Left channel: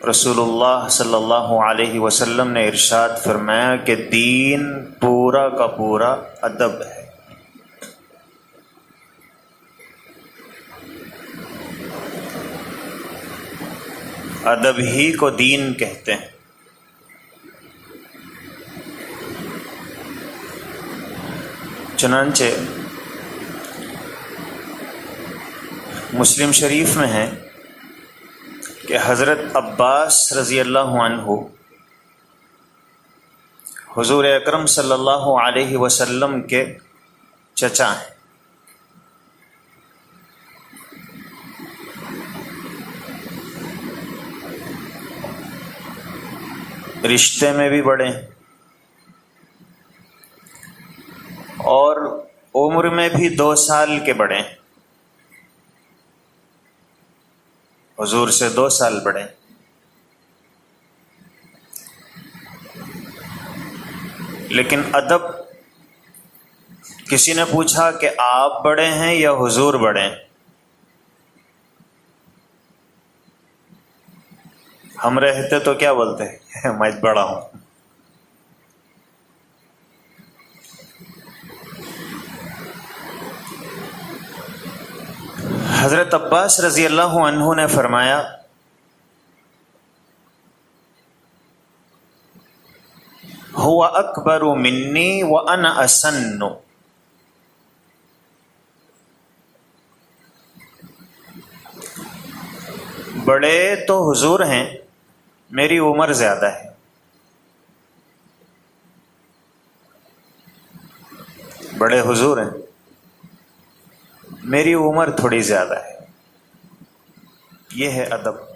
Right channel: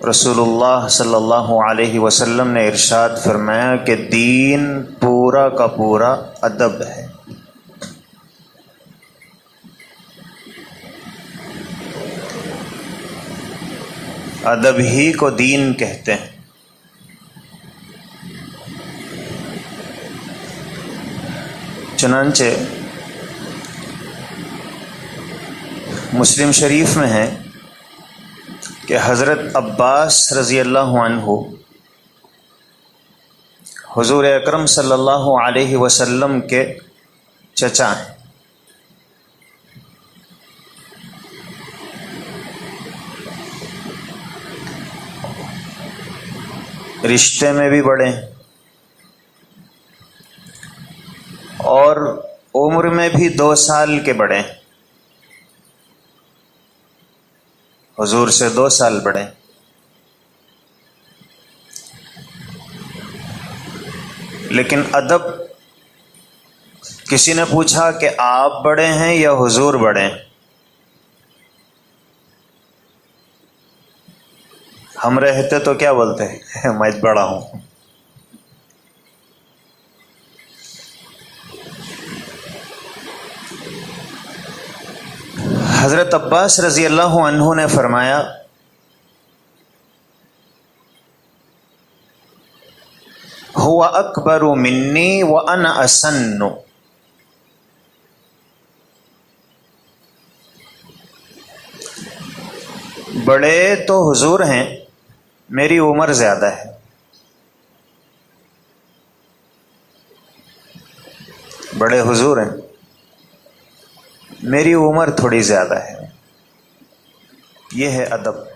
رسول اللہ صلی اللہ علیہ وسلم نے ارشاد فرمایا کہ دین پورا کا پورا ادب ہے۔ ادب ہی کو دین کہتے ہیں۔ چنانچہ مسلم شریف میں ہے کہ حضرت عباس رضی اللہ عنہ حضور اکرم صلی اللہ علیہ وسلم کے چچا ہیں۔ رشتے میں بھی بڑے ہیں اور عمر میں بھی 2 سال کے بڑے ہیں، حضور سے 2 سال بڑے۔ لیکن ادب، کسی نے پوچھا کہ آپ بڑے ہیں یا حضور بڑے ہیں؟ ہم رہتے تو کیا بولتے میں بڑا ہوں۔ حضرت عباس رضی اللہ عنہ نے فرمایا هو اکبر منی وانا اسن، بڑے تو حضور ہیں، میری عمر زیادہ ہے۔ بڑے حضور ہیں، میری عمر تھوڑی زیادہ ہے۔ یہ ہے ادب۔